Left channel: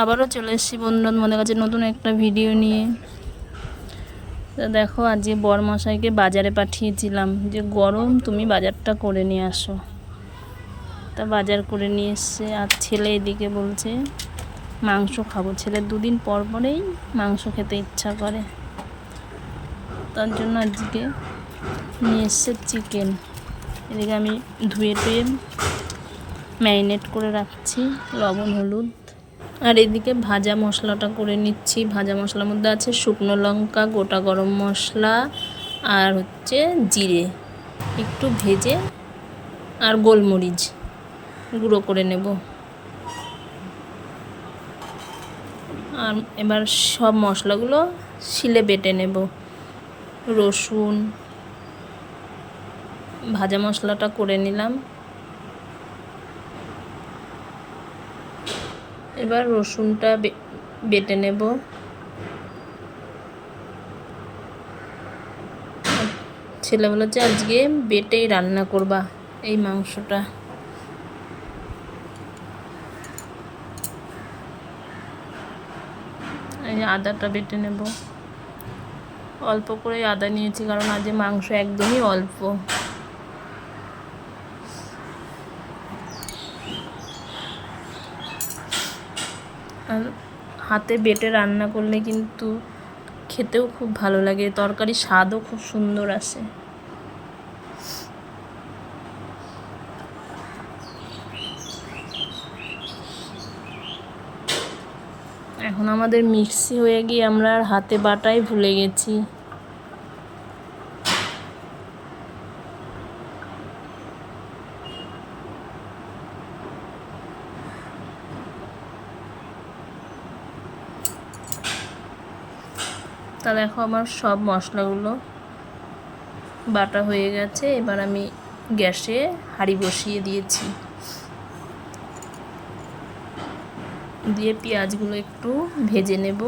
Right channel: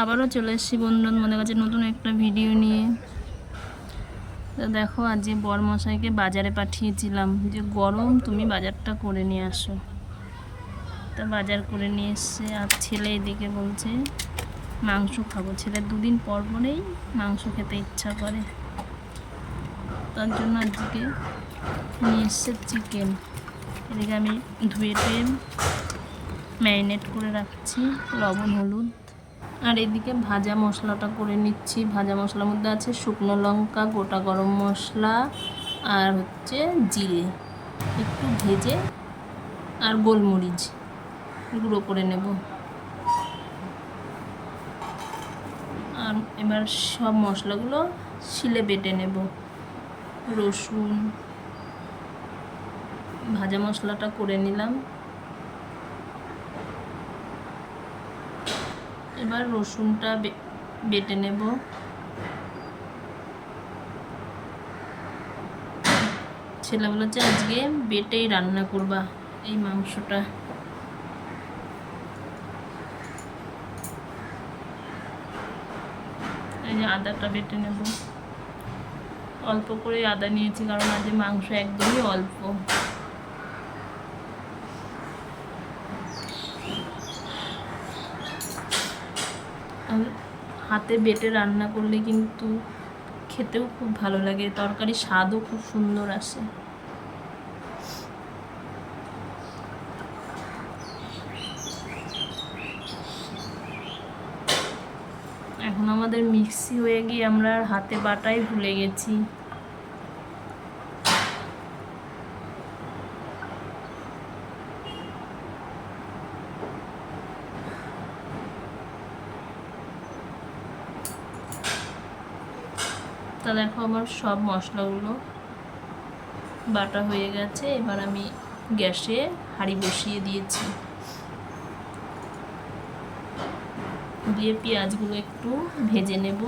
আবারও চলে এসেছি বন্ধু মনে কাছে নতুন একটা ভিডিও নিয়ে। তো দেখো, আজকে বরমশাইকে বাজারে পাঠিয়েছিলাম যে, গরম, তুমি বাজারটা করে নিয়ে আসো। তা বাজার করে নিয়ে এসছে, আর ছেলে এদিকে বলছে, মাংস খাব। ছেলে দুদিন পর পরেই মাংস খেতে ইচ্ছা করে। তার জন্য আজকে নিয়ে এসছে চিকেন। এদিকে আমি ধুয়ে টুয়ে ম্যারিনেট করে রাখছি, লবণ, হলুদ। আর এদিকে ভাজা মশলাটা করে নিচ্ছি। ভাজা মশলার মধ্যে আছে শুকনো লঙ্কা, গোটা গরম মশলা আর হচ্ছে জিরে। একটু ভেজে আর গোলমরিচ গুঁড়ো করে নেব। আর এবার সব মশলাগুলো শিলে বেটে নেব। রসুন, ভাজা মশলাটা করে নিলাম। এবার রসুনটা বেটে নেব। ছেলে বলেছে আজকে বেটেই রান্না করবা এই মাংসটা। এই যে আদাটা বেটে নেব। অল্প করে আদা নিয়েছি কারণ আজ মাংস একদমই অল্প। হাতে বেটে রান্না করলে কিন্তু খেতেও খুব ভালো লাগে। তরকারি স্বাদও খুব সুন্দর আসে। এখন আমাদের মিক্সি হয়ে গিয়ে আমরা আর হাতে বাটাই ভুলে গেছি। তা দেখো আমার সব মশলাগুলো বাটা হয়ে গেছে। এবার আমি গ্যাসে হাঁড়ি বসিয়ে দিয়েছি। দিয়ে পেঁয়াজগুলো একটু ভেজে নেব।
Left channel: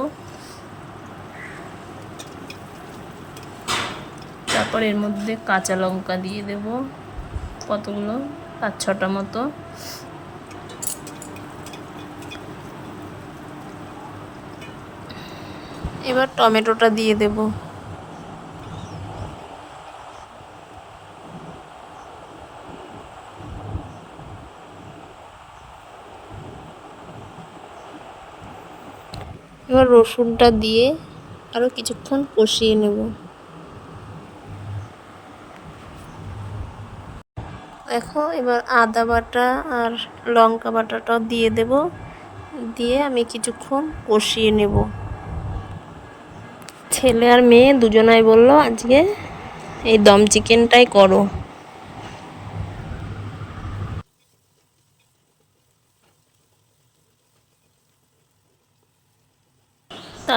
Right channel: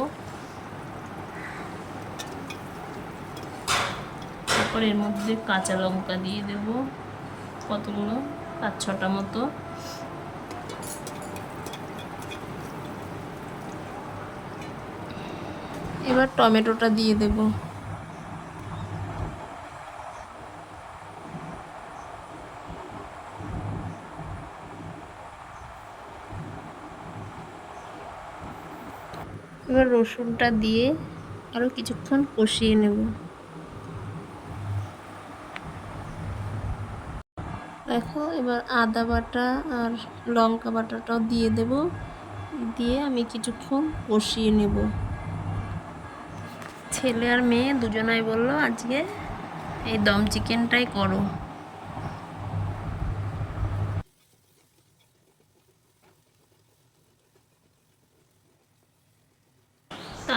তারপর এর মধ্যে কাঁচা লঙ্কা দিয়ে দেব কতগুলো? পাঁচ ছটা মতো। এবার টমেটোটা দিয়ে দেব। এবার রসুনটা দিয়ে আরও কিছুক্ষণ কষিয়ে নেব। দেখো, এবার আদা বাটা আর লঙ্কা বাটাটাও দিয়ে দেব। দিয়ে আমি কিছুক্ষণ কষিয়ে নেব। ছেলে আর মেয়ে দুজনাই বলল, আজকে এই দম চিকেনটাই করো।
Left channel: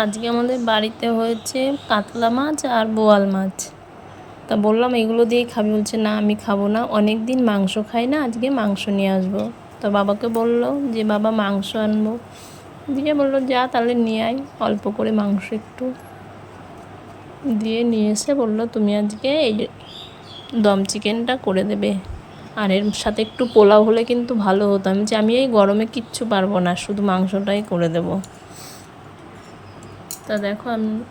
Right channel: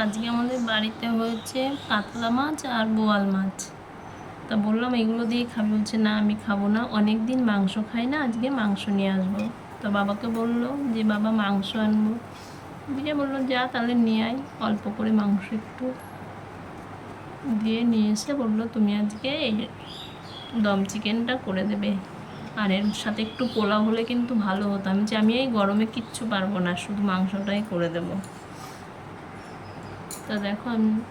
আজকে আমাদের বাড়িতে হয়েছে কাতলা মাছ আর বোয়াল মাছ। তা বললাম, এগুলো দিয়েই খাবি। বলছে, না, আমি খাব না। অনেক দিন মাংস খাই না, আজকে মাংস নিয়ে আসব। তো বাবাকে বলল যে, বাবা, মাংস আনব। দিয়ে বলল, যা, তাহলে নিয়ে আয়। অল্প করে মাংস একটু। দিয়ে নিয়ে এসে বলল, তুমি আজকে এই দম চিকেনটা করে দেবে। আর এর সাথে একটু পোলাও হলে কিন্তু ভালো হতো। আমি যে, আমি এই গরমে কিচ্ছু পারব না, শুধু মাংসটাই করে দেব। তা দেখো আমি,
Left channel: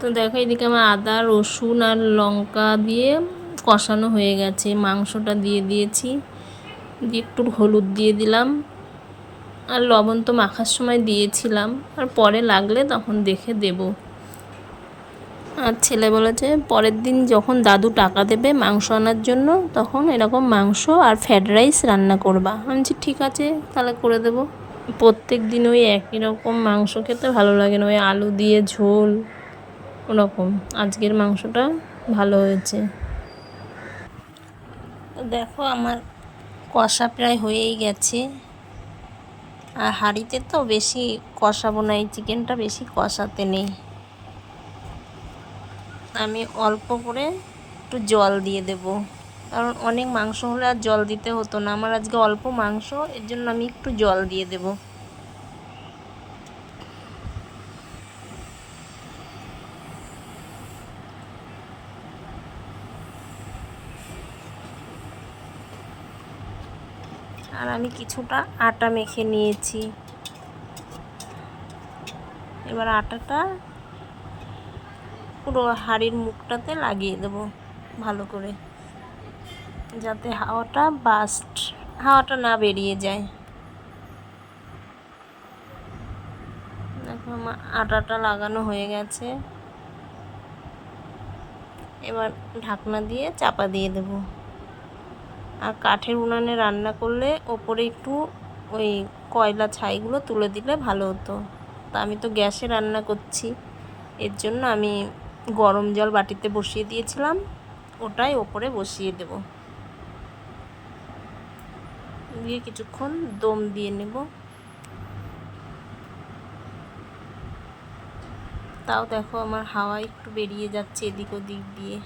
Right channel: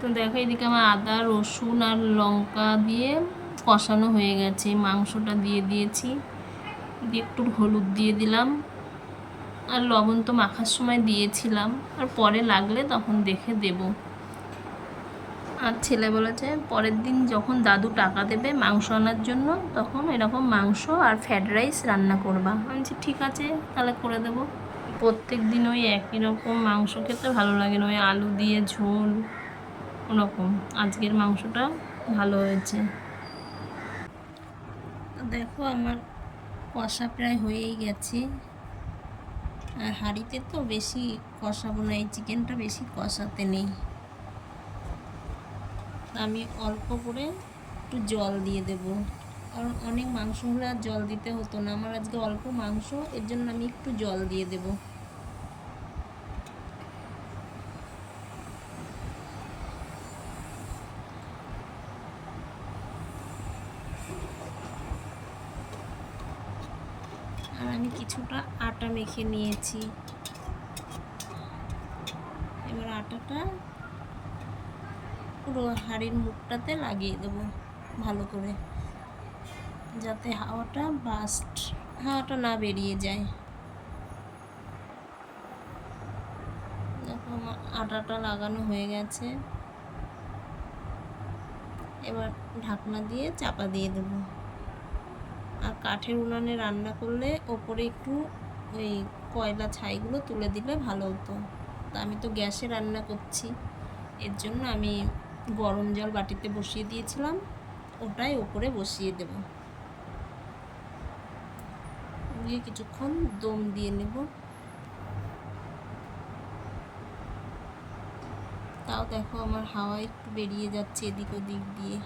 তো দেখো এদিকে আমার আদা, রসুন আর লঙ্কা দিয়ে কষানো হয়ে গেছে। মাংসটা দিয়ে দিয়েছি। দিয়ে একটু হলুদ দিয়ে দিলাম। আর লবণ তো মাখার সময় দিয়েছিলাম। আর পরে লাগলে তখন দেখে দেবো। আর ছেলে বলেছে, পরের দিন যখন দাদু টাকা দেবে মাংস আনার জন্য, তখন এরকম মাংস আর ফ্রায়েড রাইস রান্না করবা। আমি বলছি, ঠিক আছে, তাহলে করে দেবো। প্রত্যেক দিন ওই একই রকম মাংস খেতে ভালো লাগে না, ওই আলু দিয়ে ঝোল, ওরকম। আজকের মাংসটা ভালো হয়েছে। দেখো, আমার কষা প্রায় হয়েই গেছে। আর হাঁড়িতে তো বেশি কষাবো না, এই চিকেনটা বেশি কষাতে নেই। আমি অল্প করে একটু জল দিয়ে দেব। কারণ অনেক মাংস হলে আর জল দিতে হতো না। আমার আজকে অল্প মাংস, এর জন্য আমি একটু জল দিয়ে দেব। আর আমি কিছুটা আটা মেখে নিয়েছি। এবার আটাটা পুরো হাঁড়ির মুখটাতে লাগিয়ে দেবো ভালো করে, যাতে হাওয়াটা বাস্ট, হাওয়াটা না বেরিয়ে যায়। দেখো আমার আটাটা লাগানো হয়ে গেছে। এবার ঢাকনা দিয়ে চাপা দিয়ে দেব। আর কাঠের উনানে রান্না করলে ওপরে একটু ওই কয়লা ছাইগুলো তুলে দিলে ভালো হতো। তা আমি তো গ্যাসে রান্না করছি, এর জন্য আমি গরম জল বাটিতে বসিয়ে দিয়েছিলাম। ওটাই ওপরে বসিয়ে দেব। দিয়ে কিছুক্ষণ দম দিয়ে নেব। তাও দেখো আমার হাওয়া একটু বেরিয়ে যাচ্ছে এদিক ওদিক দিয়ে।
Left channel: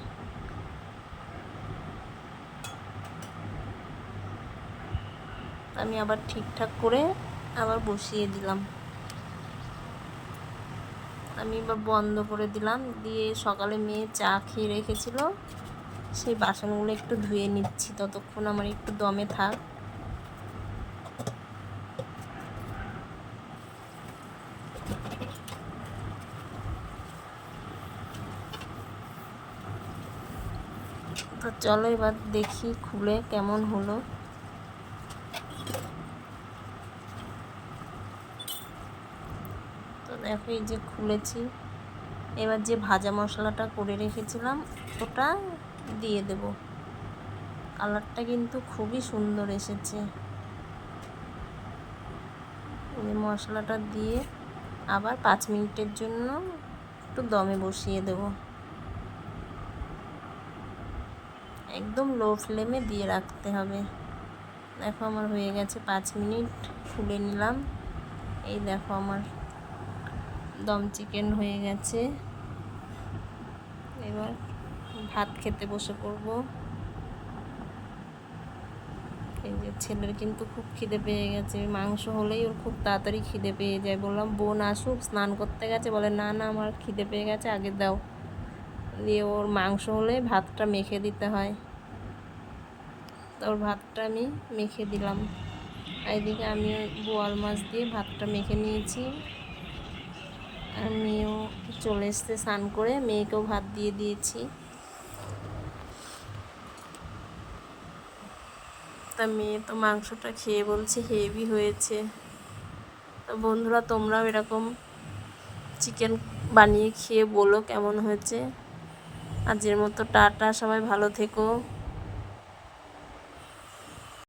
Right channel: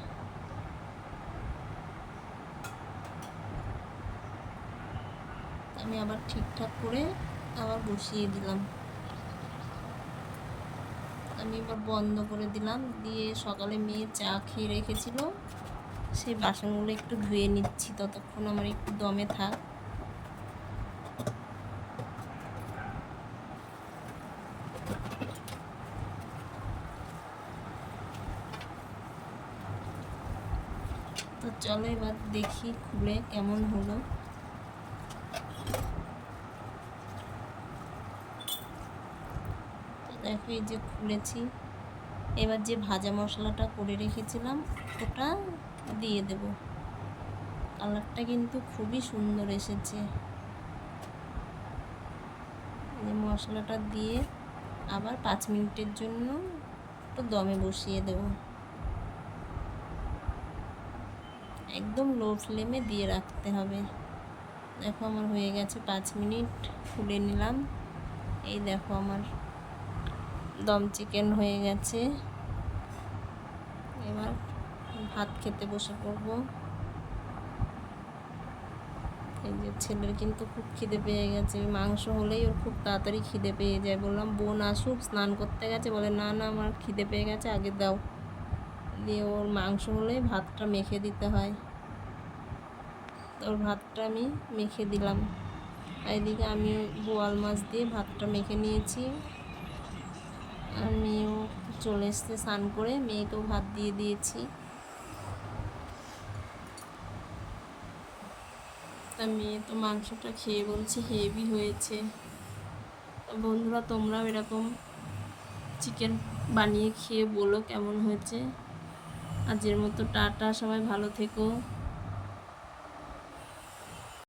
আমি আবার ঠিকঠাক করে আবার বসিয়ে দিলাম। আমি এবার বন্ধ করে দিলাম। দিয়ে সকালে মেয়ে চা খেয়ে রেখেছিল। সেই বাসনগুলো একটু ধুয়ে নিচ্ছি, ততক্ষণ আমার একটু দমে থাক। তো চলো এবার দেখি খুলে কেমন হলো তো দেখো এই যে খুলেছি, এবার যে ভাজা মশলাটা করে রেখেছিলাম, ওটা দিয়ে দেব। কালারটা কিন্তু খুবই সুন্দর এসেছে। যে মশলাটা দিয়ে আবার পাঁচ মিনিটের জন্য একটু দমে বসিয়ে দেবো। একদম লো ফ্লেমে দিয়ে রাখতে হবে। দেখো আমার হয়ে গেছে পাঁচ মিনিট, খুলে নিলাম। এই দেখো আমার দম চিকেন হয়ে গেছে। এবার ভাত খেতে বসে পড়ব। এই যে ছেলের কিন্তু খুব খিদে পেয়ে গেছে। মাংস হলেই ওর খুব তাড়াতাড়ি খিদে পেয়ে যায়। বললাম, বোন আসুক, স্নান করতে গেছে। বলে, না না, আমার খিদে পেয়ে গেছে, আগে দাও। দিয়ে ওর মাংস হলে ভাতটা মেখে দিতে হয়। ওর ভাতটা আমি মেখে দিলাম। এদিকে আমিও বোয়াল মাছ দিয়ে ভাতটা মেখে নিয়েছি। মেয়েও চলে এসছে স্নান করে, মেয়েকেও ভাত দিয়ে দিয়েছি। তা মেয়ে তো মাংসটা খেয়ে বলছে হেভি হয়েছে। তা বন্ধুরা, তোমরাও এরকম চিকেন বানিয়ে খেয়ে বলো কেমন হয়েছে। আজের মতো টাটা, সবাই ভালো থেকো।